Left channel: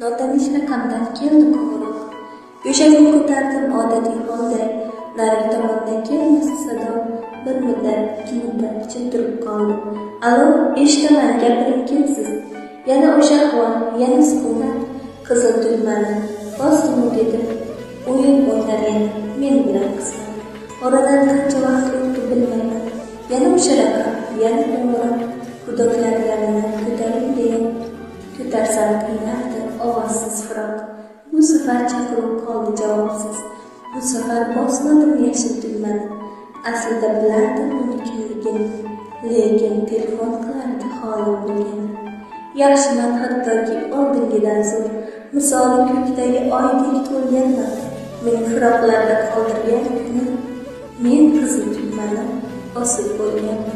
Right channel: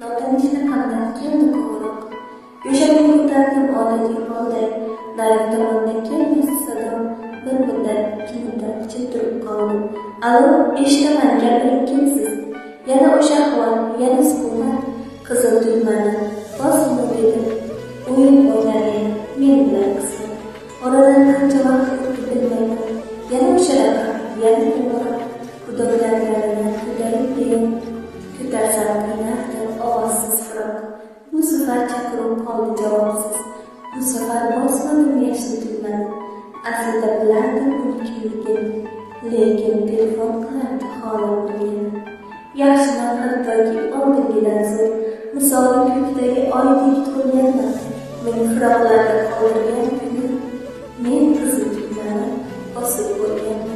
Notanish raqamdan keldi qo'ng'iroq. Go'shakni ko'tardim odatiy holda. Narigi tomondan kelmasa sado. Bir muddat, ikki muddat jim turib qoldim. Alo, eshitaman, gapiring, kimsiz? Yana o'sha ahvol, yana sukunat. Qizil tugmani bosdim dedim. O'yin o'ynar yana men bilan qizim. Oradan qancha vaqt o'tdi bilmayman. Yana o'sha raqam, yana qo'ng'iroq. Xudolar yalanar, ko'taring degan. Ko'tarsam qiynardi ovozsiz firoq. Bu safar chaqiruv qoldi javobsiz. Bu safar bosmadim yashil tugmani. Aslida bilardim uni kimligini, lekin telefon qilardi holim bilgani. Yaxshiman hattoki oldingidan zo'r. Misoli ko'kdagi oydek to'lganman. Meni firoqlarda qoldirgan kuni men qizil tugmani osib bo'lgan.